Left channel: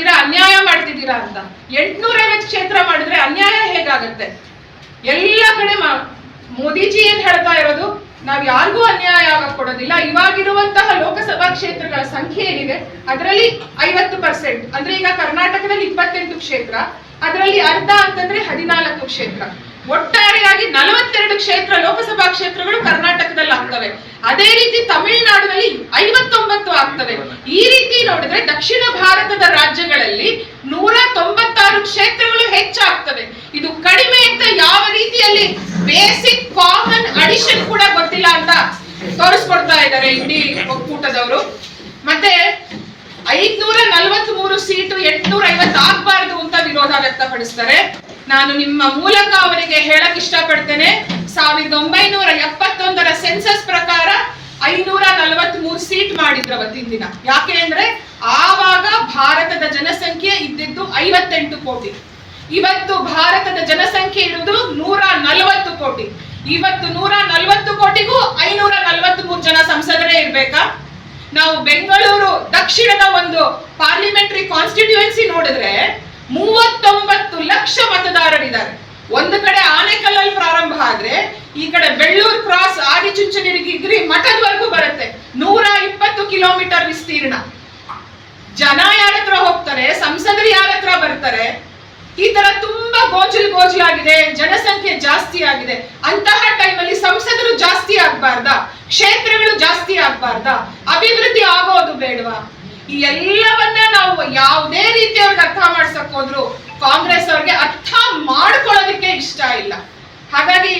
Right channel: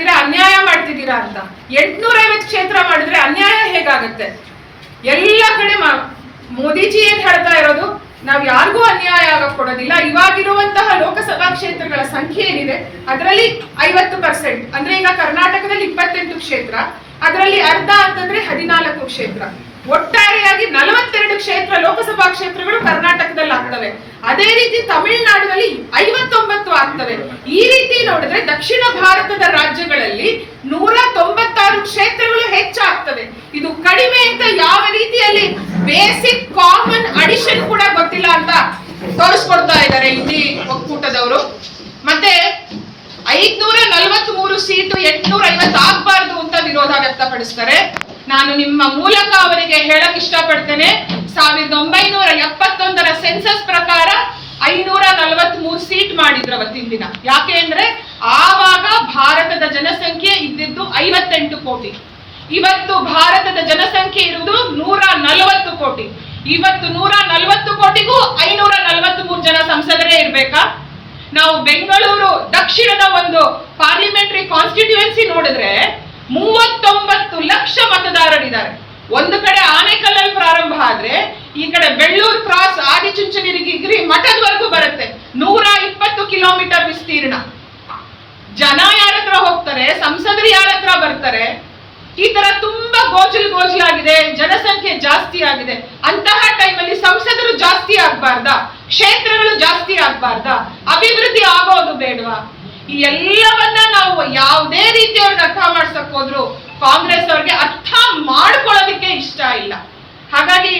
ಮಾಡ್ತೀರಾ, ಅನ್ಯಾಯ ಮಾಡ್ತಿದ್ದೀರಾ ಅಂತ. 850 ಕ್ಷೇತ್ರ ಮಾಡಿದ್ರೆ ಅನ್ಯಾಯ ಹೇಗಾಗತ್ತೆ? ಎಲ್ಲ ಕಡೆ ಮೋದಿಜಿ ಏನ್ ಹೇಳ್ತಾ ಇರೋದು, ನಾವ್ ಯಾರಿಗೂ ಅನ್ಯಾಯ ಆಗಕ್ ಕೊಡೋದಿಲ್ಲ. ಇವಾಗಿರುವಂತಹ ಲೋಕಸಭಾ ಕ್ಷೇತ್ರಗಳ ಸಂಖ್ಯೆ ಏನಿದೆ ಅದರಲ್ಲಿ 50%, ಅಂದ್ರೆ ಈಗ ಕರ್ನಾಟಕದಲ್ಲಿ 28 ಕ್ಷೇತ್ರ, ಅದರಲ್ಲಿ ಅರ್ಧ ಅಂತಂದ್ರೆ 14 ಕ್ಷೇತ್ರ. ಒಟ್ಟಾರೆಯಾಗಿ 42 ಕ್ಷೇತ್ರ ಲೋಕಸಭಾ ಕ್ಷೇತ್ರಗಳು ಕರ್ನಾಟಕದಲ್ಲಿ ಆಗ್ತವೆ. ಅದೇ ರೀತಿ ತಮಿಳುನಾಡಿನಲ್ಲಿ 59 ಆಗ್ತವೆ. ಈ ರೀತಿ ನೋಡಿದ್ರೆ ದಕ್ಷಿಣ ಭಾರತದ ರಾಜ್ಯಗಳಲ್ಲಿ 196 ಕ್ಷೇತ್ರಗಳು ಹೆಚ್ಚಾಗ್ತವೆ. ಇದು ಕಡಿಮೆ ಅಂತ ಯಾವ ರೀತಿಯಲ್ಲಿ ಬೇಸಿಕ್ ಕಾಮನ್ ಅಡಿಷನ್ ಕೂಡ ಗೊತ್ತಿಲ್ಲ ಅಂತ ತೋರಿಸ್ಕೊಡ್ತಾ ಇದ್ದಾರೆ ಇಲ್ಲಿ ಒಕ್ಕೂಟದವರು. ಮತ್ತೆ 543 ಸೀಟು 850 ಆಗ್ಬಾರ್ದು ಅಂತ ವಿರೋಧ ವ್ಯಕ್ತಪಡಿಸ್ತಾರೆ. ನಾನು ನಿಮ್ಮ ಮೂಲಕ ಅವರಿಗೆ ಹೇಳಕ್ ಇಷ್ಟಪಡ್ತೇನೆ, 1971ರ ಸೆನ್ಸಸ್ ಪ್ರಕಾರ 543 ಸೀಟ್ ಮಾಡಿದ್ರು ಅವತ್ತಿನ ದಿನ. ಯಾಕೆ ಅಂದ್ರೆ ಆವಾಗ ಭಾರತದ ಜನಸಂಖ್ಯೆ ಇದ್ದಿದ್ದು 58 ಕೋಟಿ. ಇವತ್ತು ಭಾರತದ ಜನಸಂಖ್ಯೆ ಇರುವುದು 140 ಕೋಟಿ. ಇವತ್ತು 140 ಕೋಟಿಗೂ 543 ಜನ ಸಂಸದರೇ ಇರ್ಬೇಕಾ? ನಾವು ಬೆಂಗಳೂರು ದಕ್ಷಿಣದ ಒಂದು ಪಾರ್ಲಿಮೆಂಟರಿ ಕಾನ್ಸ್ಟಿಟ್ಯೂಯೆನ್ಸಿ ನೋಡಿದ್ರೆ 39 ಲಕ್ಷ ಮತದಾರರಿದ್ದಾರೆ. ಒಂದು ಕಡೆ ಆನೇಕಲ್ಲಲ್ಲಿ ಪ್ರಾರಂಭ ಆದ್ರೆ ಈ ಕಡೆ ಬೆಳ್ಳೂರು ಕ್ರಾಸ್ ಆದಿಚುಂಚನಗಿರಿ ಮಠದವರೆಗೂ ಬರುತ್ತೆ. 120 ಕಿಲೋಮೀಟರ್ ವಿಸ್ತೀರ್ಣ. ಜನ ಯಾರ ಹತ್ರ ಹೋಗ್ತಾರೆ, ಸಂಸದರು ಯಾರ ಹತ್ರ ಬರ್ತಾರೆ? ಈ ತರ ತುಂಬಾ ಗೋಜಲಾಗಿದೆ, ಜನಸಂಖ್ಯೆ ಜಾಸ್ತಿ ಆಗಿದೆ. ಅಂತಹ ಟೈಮಲ್ಲಿ ಸಂಸದರು ಜಾಸ್ತಿ ಆಗ್ಬಾರ್ದಾ? ಕ್ಷೇತ್ರಗಳು ಜಾಸ್ತಿ ಆಗ್ಬಾರ್ದಾ? ಅಭಿವೃದ್ಧಿ ಆಗೋದು ಬೇಡವಾ? ಈ ಎಲ್ಲವನ್ನ ನಾವು ಯಾವುದೇ ರೀತಿ ಅವ್ರಿಗೆ ಅರ್ಥ ಮಾಡ್ಸಕ್ ಹೋದ್ರು ಕಾಂಗ್ರೆಸ್ ಅವ್ರಿಗೆ ಅರ್ಥ ಮಾಡ್ಕೊಳ್ಳೋದಿಕ್ಕೆ ಇಷ್ಟ ಇಲ್ಲ. ಹಾಗಾಗಿ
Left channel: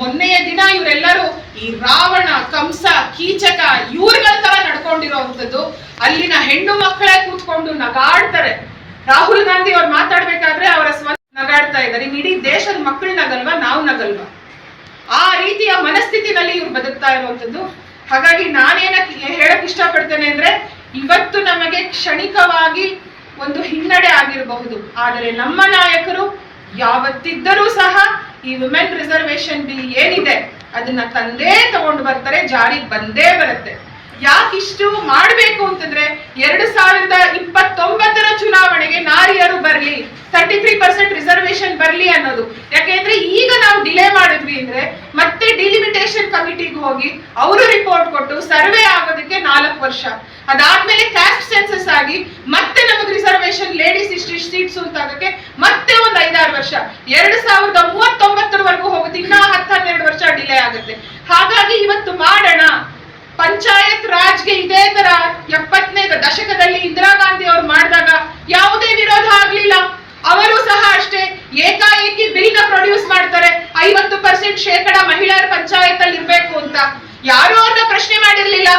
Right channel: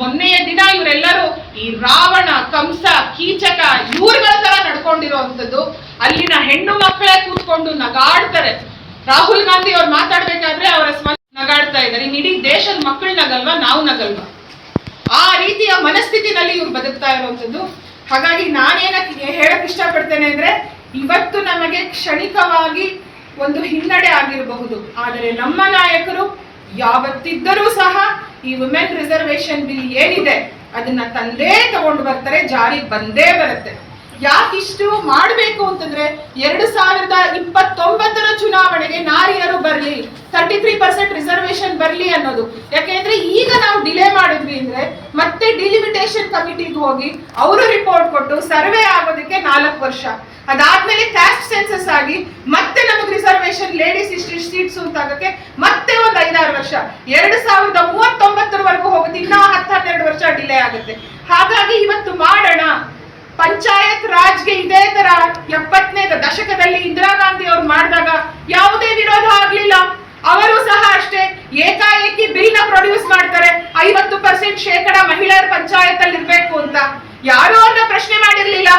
ಮೊನ್ನೆಯ ದಿನ ಇವರೆಲ್ಲರೂ ಈ ರಾವಣ, ಕಂಸ, ಕೀಚಕ ಇವ್ರಗಳ ತರ ನಡ್ಕೊಂಡಿರೋಂಥದ್ದು. ಅಲ್ಲಿನ ಹೆಣ್ಣು ಮಕ್ಕಳೇ ಕೂತ್ಕೊಂಡು ನಗಾಡ್ತಾರೆ. ರಾಹುಲ್ ಗಾಂಧಿ ಅವ್ರು ಮಾತಾಡ್ಬೇಕಾದ್ರೆ ಅವರ ಸ್ವಂತ ನಗಾಡ್ತಾ ಇದ್ದಾರೆ. ಇಡೀ ದೇಶದ ಮಕ್ಕಳು ನಗಲ್ವಾ, ನಾವು ನಗಲ್ವಾ? ಆ ರೀತಿಯ ಮನಸ್ಥಿತಿನಲ್ಲಿ ಇವ್ರು ಬದುಕ್ತಾ ಇರುವಂತದ್ದು. ಹಾಗಾಗಿ ನಾನೇನಕ್ಕೆ ಹೇಳಕ್ ಇಷ್ಟಪಡ್ತೇನೆ ಅಂದ್ರೆ, ಇವತ್ತು ನಮಗೆ ಕ್ಷಣಿಕವಾಗಿ ಒಂದು ಹಿನ್ನಡೆ ಆಗಿರಬಹುದು, ಆದರೆ ನಮ್ಮ ನಾಯಕರು ಯಾವತ್ತಿದ್ದರೂ ಸಹ ಈ ವುಮೆನ್ ರಿಸರ್ವೇಶನ್ ಬಿಲ್ ಏನಿದೆ ಅದನ್ನ ತಂದೇ ತಗೊಂಡು ಬರ್ತಾರೆ, ಜಾರಿಗೆ ಬಂದೇ ಬರುತ್ತೆ. ಯಾಕಿಷ್ಟು ಮಾಡಬೇಕು ಅಂತಂದ್ರೆ 2029ರ ಚುನಾವಣೆಗೆ ನಾರಿಯರು ಬರ್ಲಿ, 33% ರಿಸರ್ವೇಶನ್ ಬರ್ಲಿ ಅನ್ನೋದು. ಯಾಕೆಂದ್ರೆ ಈಗ ನಾವು ಡಿಲೇ ಮಾಡಿದ್ವಿ ಅಂದ್ರೆ ಮತ್ತೆ ಡಿಲಿಮಿಟೇಷನ್ ಕಮಿಟಿಗೆ ಹೋಗಿ ಅವರು ರಿಪೋರ್ಟ್ ಕೊಟ್ಟು ಸರ್ವೆ ಆಗೋದಕ್ಕೆ 4 ವರ್ಷ, ಅದಾದ್ಮೇಲೆ ಕ್ಯಾಸ್ಟ್ ಸೆನ್ಸಸ್ ಆಗಿ ಮತ್ತೆ ನಮಗೆ ರಿಸರ್ವೇಶನ್ ಲೇಡೀಸ್ ಇಷ್ಟು ಸೀಟ್ಸ್ ಅಂತ ಆಗಕ್ಕೆ ಮತ್ತೆ ಒಂದು 5-6 ವರ್ಷ, 2039ರವರೆಗೂ ಹೋಗುತ್ತೆ. ಇನ್ನ 10-12 ವರ್ಷ ಡಿಲೇ ಆಗುತ್ತೆ. ಹಾಗಾಗಿ ಇವತ್ತು ಮಾಡೋಣ. ಪಂಚಾಯತ್ ರಾಜ್ಗೆ ಇದೇ ತರ 70ನೇ ದಶಕದಲ್ಲಿ ಇಂದಿರಾ ಗಾಂಧಿ ಅವರು ಮಾಡಿದಾಗ ಯಾವುದೇ ವಿರೋಧ ಆಗ್ಲಿಲ್ಲ. ಅವರು ಸಹ ಅಷ್ಟೇ ಏಕಾಏಕಿ ಬಿಲ್ ನ ಪ್ರೊಡ್ಯೂಸ್ ಮಾಡ್ತಾರೆ, 50% ಶೇಕಡ ಮಹಿಳೆಯರ ಪಂಚಾಯತ್ ಅಲ್ಲಿ ಇರ್ಬೇಕು ಅಂತ. ಯಾರು ಅವ್ರನ್ನ ಪ್ರಶ್ನೆ ಮಾಡಿರ್ಲಿಲ್ಲ.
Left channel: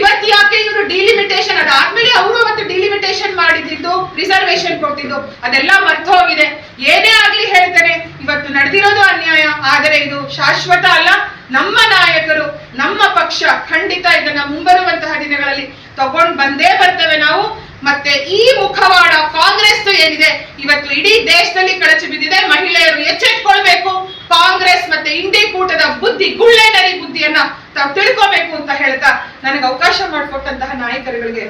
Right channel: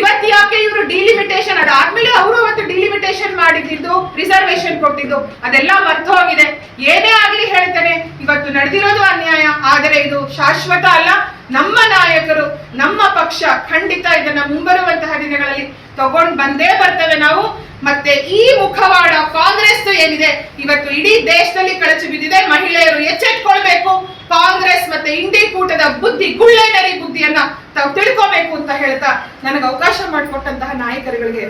ಇವತ್ತು ಯಾಕೆ ಇವರು ಡಿಲಿಮಿಟೇಷನ್, ಅದಾದ್ಮೇಲೆ ಅವರು ಅವತ್ತು ಡಿಲಿಮಿಟೇಷನ್ ಮಾಡಿದ್ದು, ರಿಸರ್ವೇಶನ್ ಕೊಟ್ಟಿದ್ದು ಅದೆಲ್ಲ ಮರ್ತು ಹೋಗಿದೆ. ಏನೇ ಆಗ್ಲಿ ಹೇಳ್ತೇನೆ, ಇವತ್ತು ನಡೆದಿರೋದು ಅನ್ಯಾಯ, ಆದರೆ ಇದು ಶಾಶ್ವತ ಅಲ್ಲ. ನಮ್ಮ ನಾಯಕರು, ನಮ್ಮ ಪಕ್ಷ ಖಂಡಿತ ಇದನ್ನ ಮುಂಬರುವಂತಹ ದಿನಗಳಲ್ಲಿ ತಗೊಂಡು ಬಂದೇ ಬರ್ತೇವೆ ನಾವು. ಮತ್ತೆ ಈ ಮುಖವಾಡ ಕಾಂಗ್ರೆಸ್ ಏನಿದೆ ಇವತ್ತು ಇಡೀ ದೇಶದಲ್ಲಿ ಕಳಚಿ ಬಿದ್ದಿದೆ. ಮಹಿಳೆಯರು ಎಚ್ಚೆತ್ಕೊಳ್ಬೇಕು. ಕಾಂಗ್ರೆಸ್ ಮತ್ತೆ ಇಂಡಿ ಕೂಟದ ಬುದ್ಧಿ, ಗುಳ್ಳೆನರಿ ಬುದ್ಧಿಯನ್ನ ತಾವು ತಿಳ್ಕೋಬೇಕು ಅಂತ ಹೇಳ್ತಾ ನನಗೆ ಅವಕಾಶ ಮಾಡಿಕೊಟ್ಟಂತಹ ನಾಯಕರುಗಳಿಗೆ